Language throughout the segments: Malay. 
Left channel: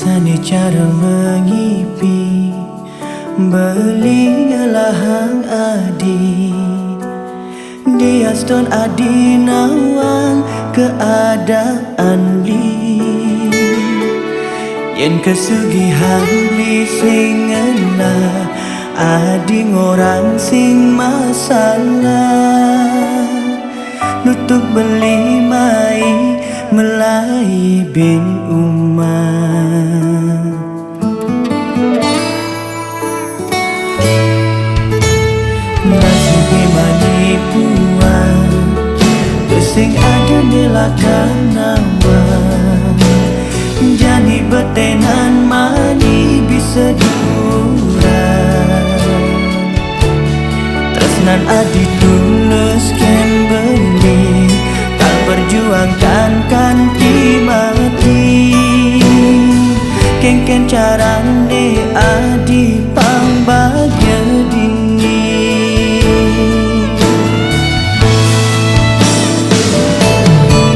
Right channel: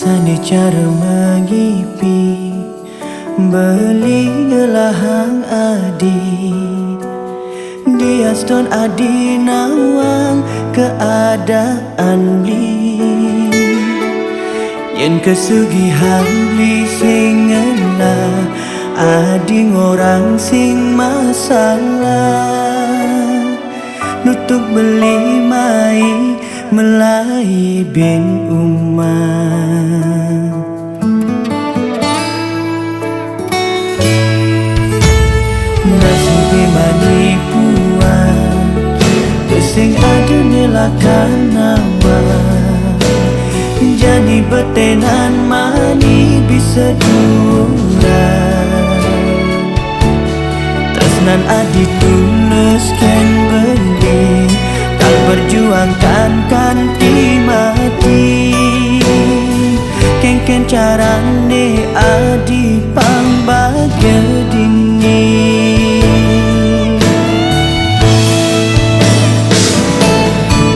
biasanya cara mengipi beli ngelahang adi dia ston adi nawang keadaan beli yen kesugihan beli singenlah adi ngorang sing masalah nutuk beli mai melai bin umah nasib manipuan sing ada nilakan nawan jani betenan mani bisa duran tresnan adi tulus ken beli kal perjuangkan kanti mati ken carane adi pang bahagia dingin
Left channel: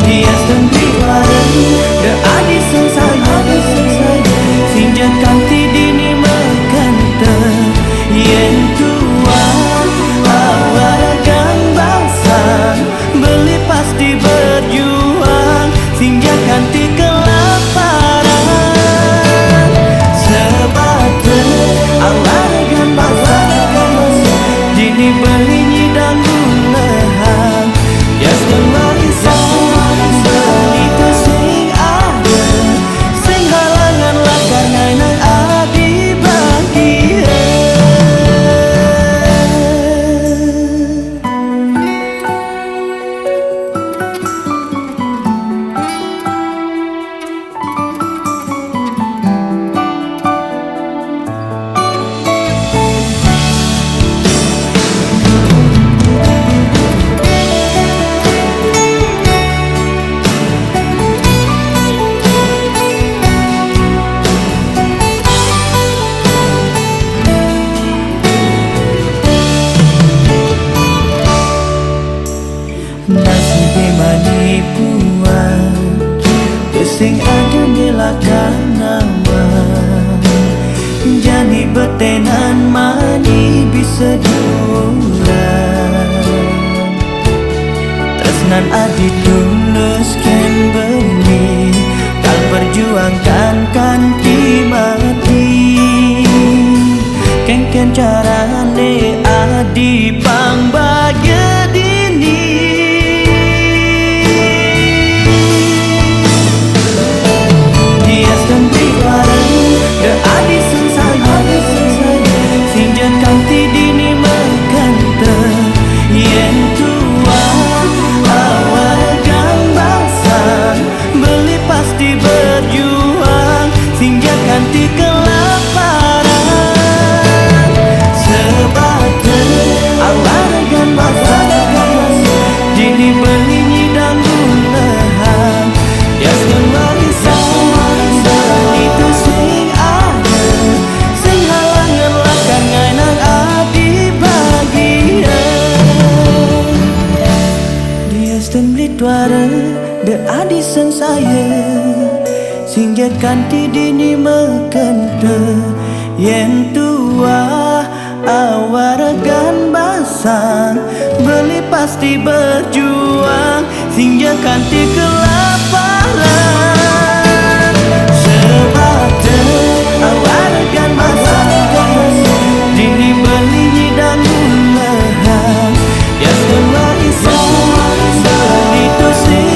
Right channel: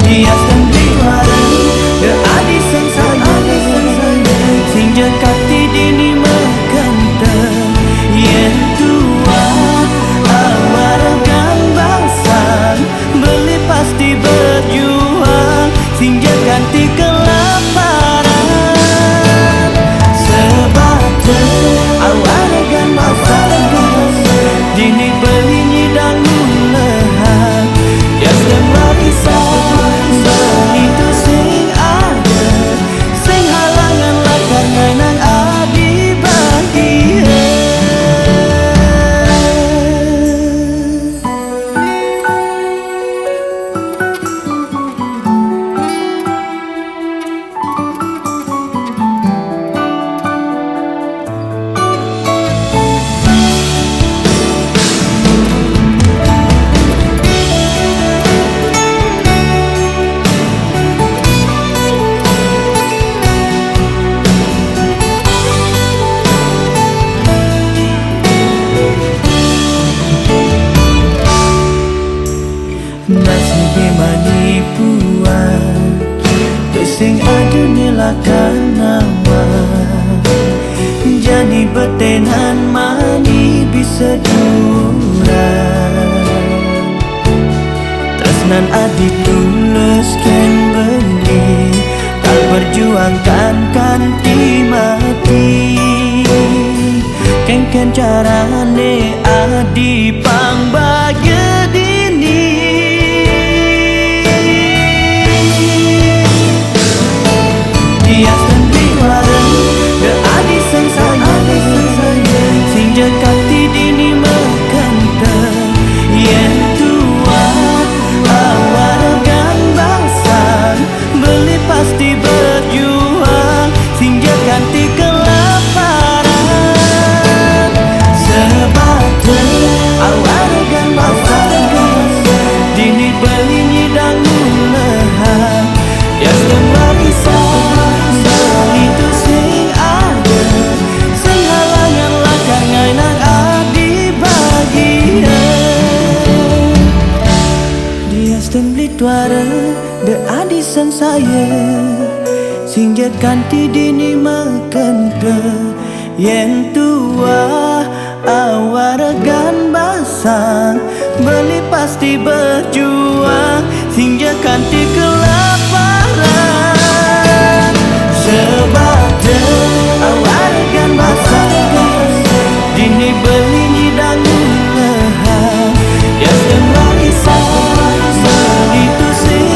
dia sendiri larang de adi sang sayang sing kanti dini mekanta yen tua awar gambasan beli pasti berjuang sing kanti kelaparan sebab awar gambasan dini beli nyidang ulehan jasdan warisan beli tu sing ada sing halangan lakar ngainang adi bahagia nasib manipuan sing ada nilakan nawan jani betenan mani bisa duran tresnan adi tulus ken beli kal perjuangkan kanti mati ken carane adi pang bahagia dini dia sendiri larang de adi sang sayang sing kanti dini mekanta yen tua awar gambasan beli pasti berjuang sing kanti kelaparan sebab awar gambasan dini beli nyidang ulehan jasdan warisan beli tu sing ada sing halangan lakar ngainang adi bahagia dia ston beli tuara de adi sang saya sing kanti dini mekanta yen tua awar gambasan beli pasti berjuang sing kanti kelaparan sebab awar gambasan dini beli nyidang ulehan jasdan warisan beli tu sing